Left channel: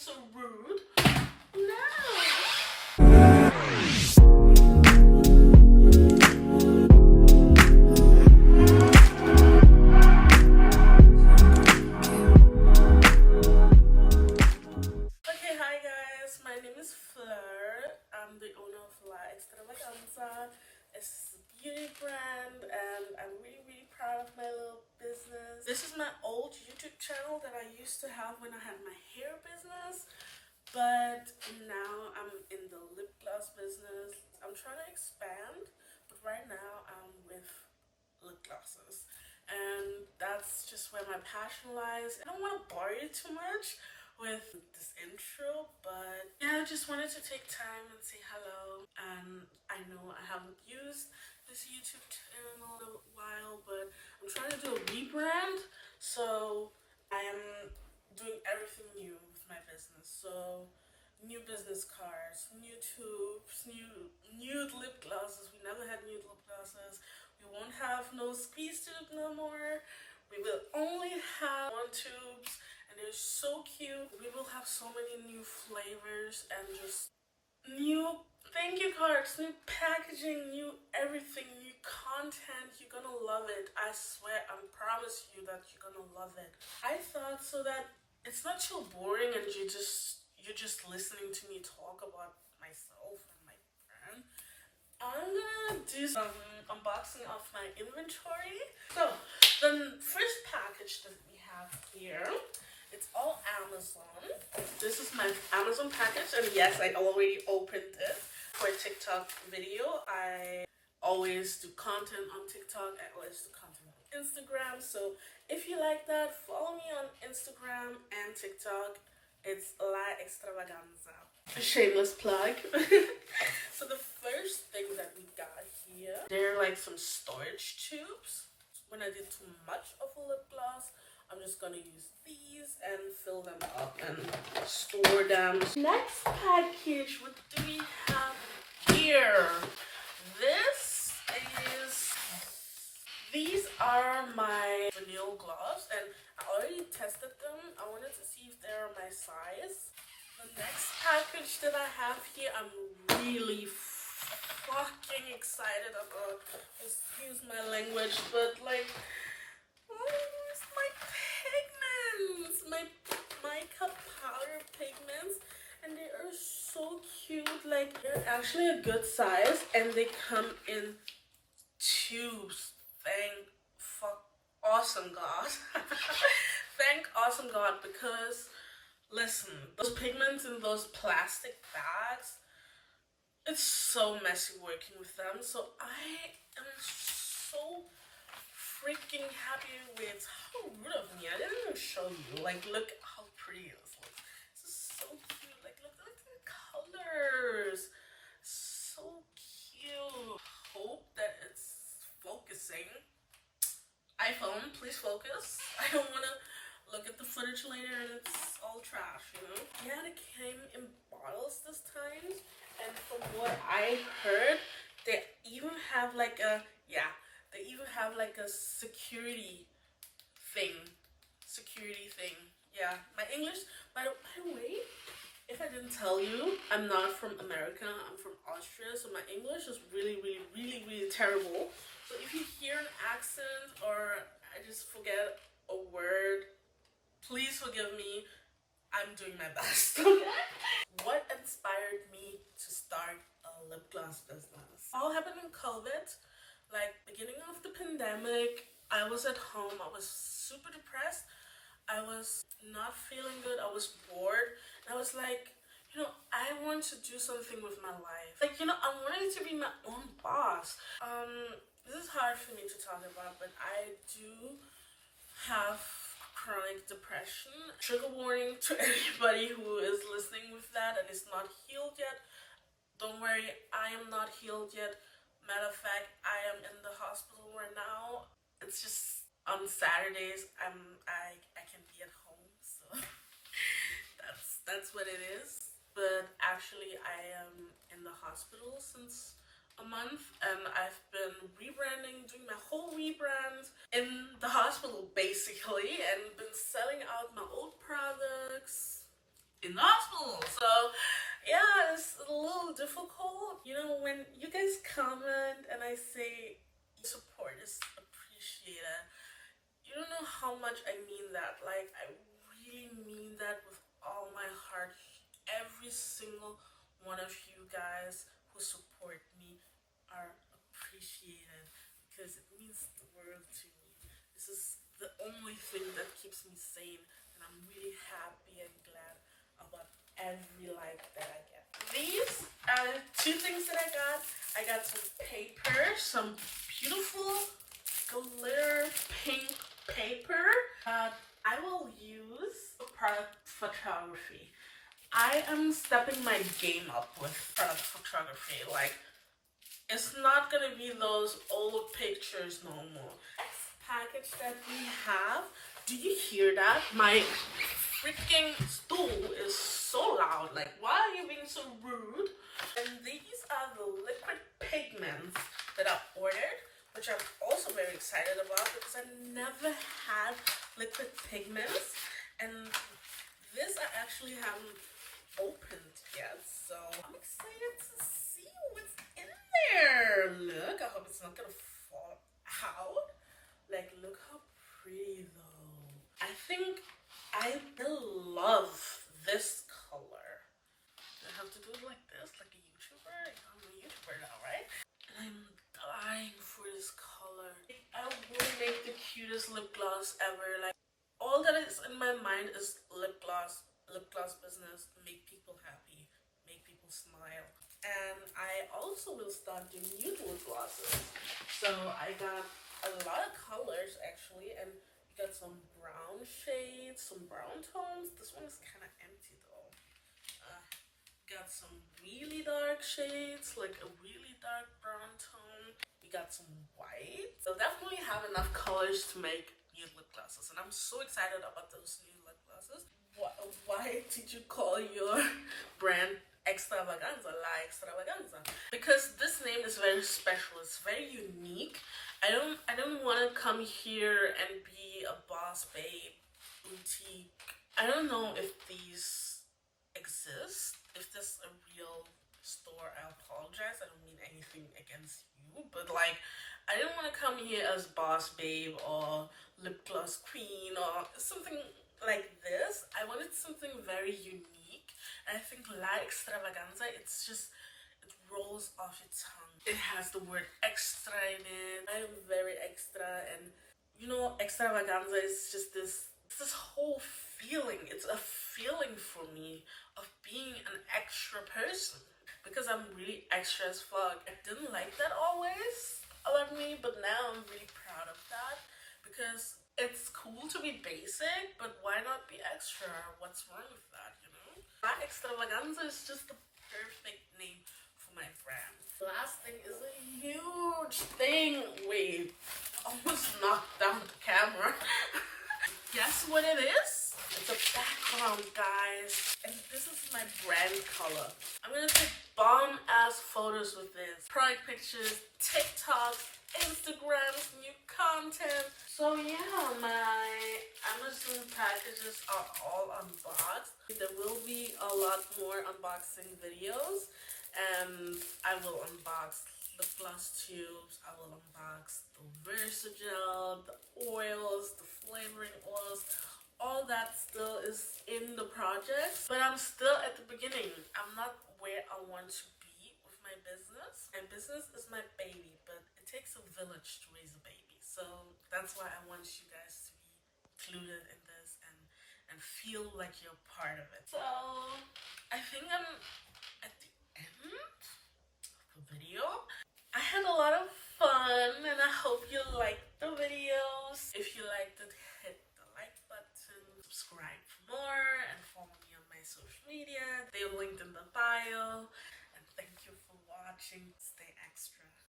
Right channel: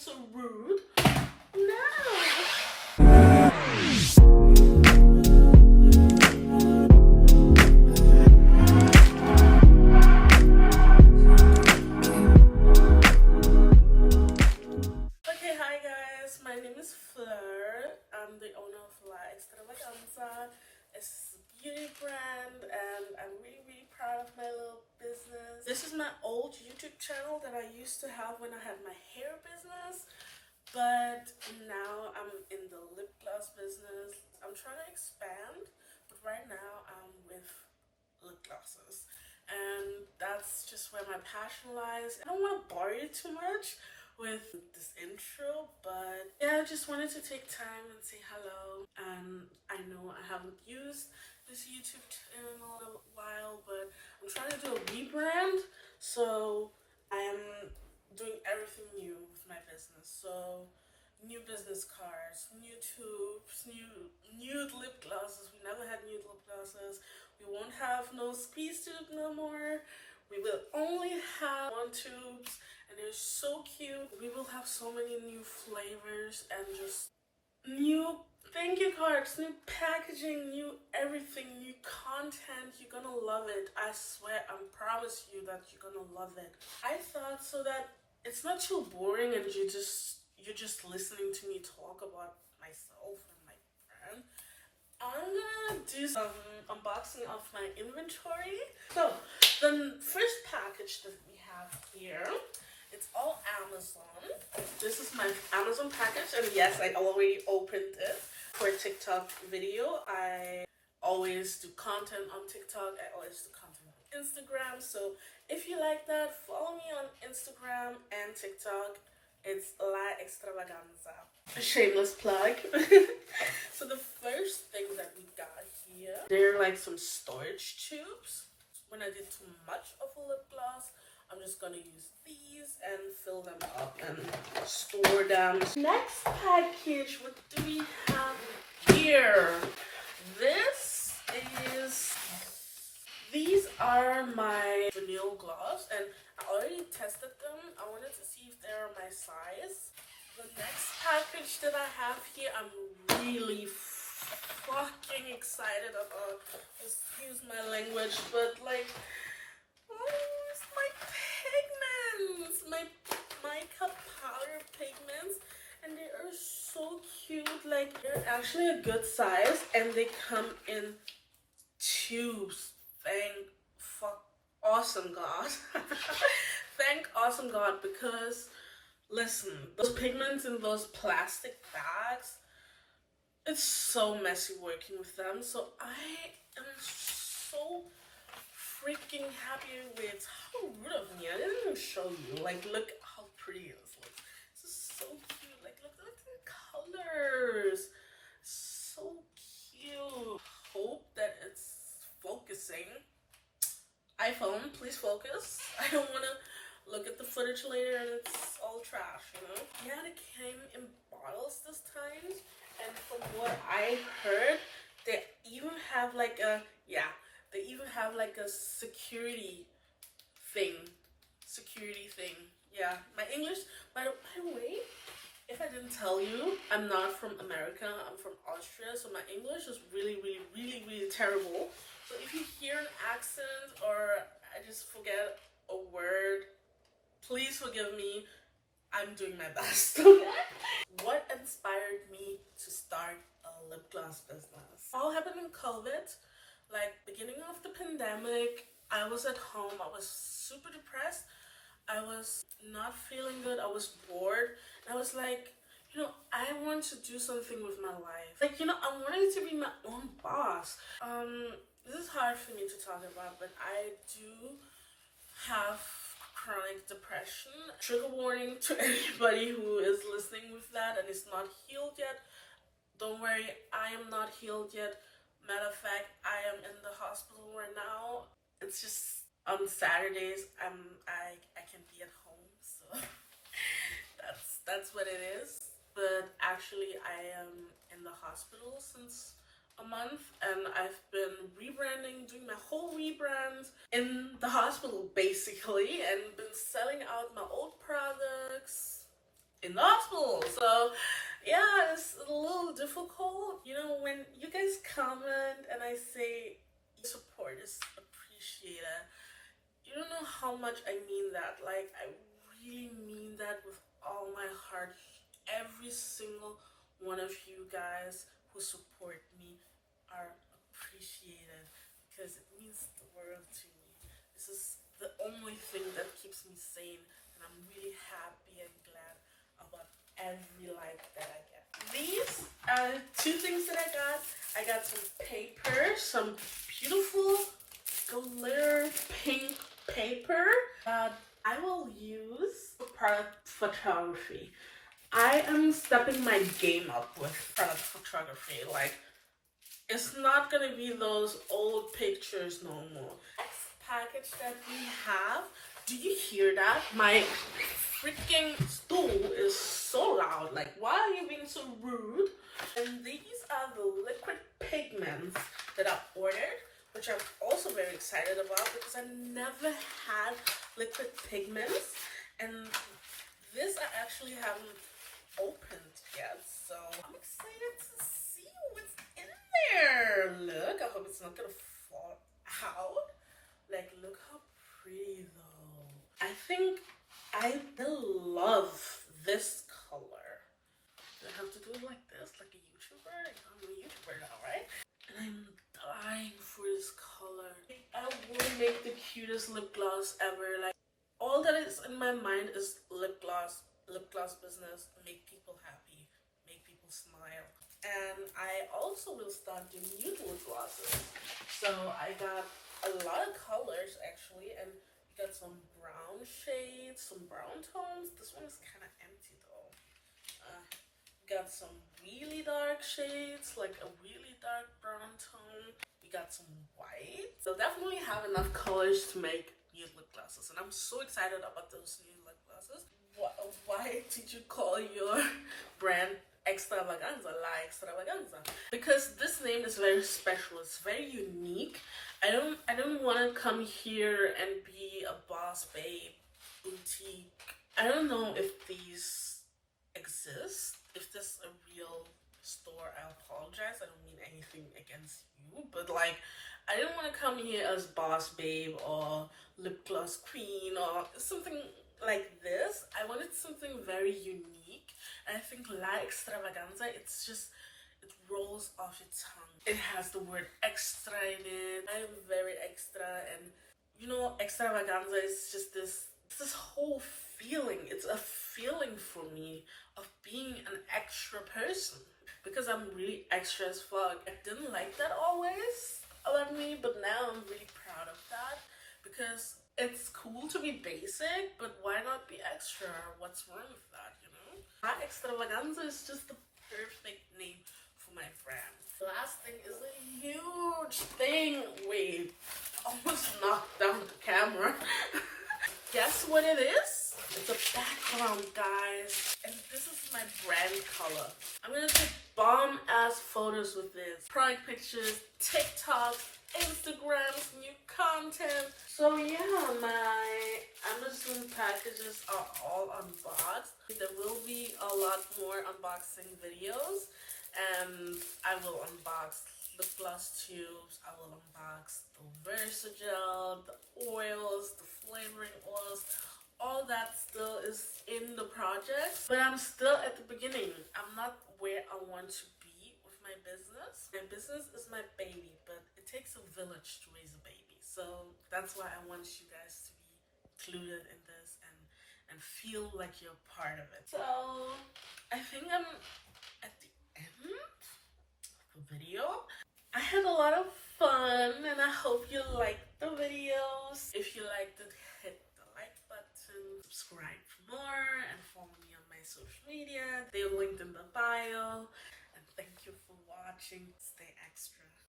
so rude. No. Okay, hi guys. My name is Fleur. I'm the owner of Laa Extravaganzaa. It's a beauty brand, and I'm really proud of my little business. This is my old YouTube channel that I used to have when I had my hair business, but now I'm in the lip gloss business. I'm trying to expand, but right now I'm with lip glosses, and that's just where my passion lies. I don't want to bore you too much with this intro, but yeah, I just wanted to take time and say hello. And I know I haven't used this YouTube channel in a little while, but I'm trying to do a rebrand, so I am doing everything new with my business. So new business cards, new tubes, nude lip glosses. We never had nude lip glosses. We won't have no squeeze tube no more. We will only have one tubes, and they're so cute. We will have so many new flavors and just new thank you cards, new packaging, new everything, new content. You're gonna love it. I swear, I promise you that you're gonna love it. I thought so that it's not too boring and you're just listening to me talk about myself and my friend. I'm gonna do some unboxing of my inventory. So the first package that we have here, it's all Amazon. This is my Amazon package, and yes, I already opened it for a TikTok video. I always do content on TikTok. I always do content on Instagram. So if you like that, follow me on Instagram and TikTok. It's Laa Extravaganzaa. A shameless plug. So the first thing that we got here, they're like some storage tubes. When I did too much of a lip gloss, I'm just gonna use these and fill them up and store them. Next package, what do we have here? These are my vanilla gloss, and I already tested them. I wanted to see if they're my size. The next package that I have here, I'm really fucking excited about. Excuse my language, but like, it's my pigments, my makeup powder pigments, and they are so cute. Like, they're actually a good size, and they come in tubes. Thank awesome God. Thank awesome God, because listen, those pigments in those plastic bags, it's so messy working with them. So I am so freaking happy with how rude of me. I didn't even show you. Like, look how pretty it is. Like, this is so cute. Like, look at the colors. So cute. Hope that it's focusing. iPhone, please focus. I don't want to look at the footage later and it's all trash, you know? Yeah, they came in bottles this time, and from what I heard, they even have like a, they even have like a security thing. Yeah, my English, by the way, if I didn't tell you, I'm not from America, I'm from Austria, so my English is really terrible. So if you hear an accent or I just forget a word, please forgive me. I'm doing my best. What inspired me to start a lip gloss business? All happened in COVID, like beginning of the pandemic. I was at home, I was super depressed. I was not feeling good, I was bored, and I was like, you know, I want to do something with my life. Like, you know, I wanted to be my own boss. This is hard for me to talk about, but I do have chronic depression. Trigger warning to anybody who is listening with that and is not healed yet. Don't worry, I am not healed yet. Matter of fact, I am in the hospital right now. It's just on Saturdays I can be at home, so that's what it is. But actually, I am in the hospital since a month, and I've been rebranding, doing my whole rebrand in the hospital basically, and been selling out my old products. Enough So yeah, it's a little difficult. You know, when you guys comment and I say support is appreciated, you don't know how much I mean that. Like, I really mean that with all my heart. Every single one of you guys who support me are appreciated because it means the world to me. This is the only thing that keeps me sane, and I'm really happy and glad about every like that I get. These are two things that I got. I got some paper, some beautiful glitter pink paper I will use for product photography. I am stepping my game up with product photography. Like, it's not gonna be those old pictures no more. Package that we have. Do you hear that? My freaking stool is so loud. Like, why are you being so rude? And these are the liquid pigments that I ordered, which I'm also very excited about because I never had liquid pigments, and this I actually haven't opened yet, so I'm excited to see what's in there. Look, I hope it's not gonna fall out. Like, look how pretty though. I think I love this color. I have to do it like this, like a YouTuber. I'm a YouTuber now, right? And I'm dying for this color. I want to make the cutest lip gloss ever. Like, all that is in my mind is lip gloss business. Make people happy, make people smile. And I also will start doing nude lip glosses. So I got a lot of colors actually, and we got some brown shades, some brown tones. This one is kind of empty though. Got some really dark shades, like a really dark brown tone. We got some white. So definitely have enough colors to make nude lip glosses, and I'm so excited about those nude lip glosses. Why did you call your brand Extravaganzaa, Laa Extravaganzaa? Because this name is very special. It's very unique. I don't want to come here and be a boss babe boutique. I don't know if these exist. If this is a real store, I apologize. I don't mean anything against you, but like, I didn't want to come here as boss babe or lip gloss queen or something like this. I wanted something very unique, and I think Laa Extravaganzaa, it's just, it rolls off your tongue. It has the word extra in it. I am very extra, and you know, extravaganza is just this whole feeling. It's a feeling for me of being an extra person, because I'm really extra as fuck. I didn't like that always about me, but now I'm really proud of that, because it's cool to be basic, but why not be extra? What's wrong with that, you know? Laa Extravaganzaa is just the perfect name for my brand. The last thing is a huge thing. Wait, almost knocked down the camera. Guess what it is? It's a background, guys. And this is my brand color. I'm gonna take bomb ass photos with this. Product pictures, TikTok, Instagram, new content. So yeah, my Amazon packages are all unboxed. There will be a lot more unboxing videos, and I will unbox the gloss tubes, I will unbox the Versagel, the oils, the flavoring oils. All that still is in the project, but I'm still at the beginning. I'm not where I want to be with my business. My business is my baby, but it takes a village to raise a baby. So that's why I want you guys to be included in this and feel like you're part of it. So I think I'm at the end of the video. I had a lot of fun, and I hope you liked the videos. If you liked it, hit the like button, subscribe for more, and follow me on my social media. They're linked in the bio. And thank you for watching.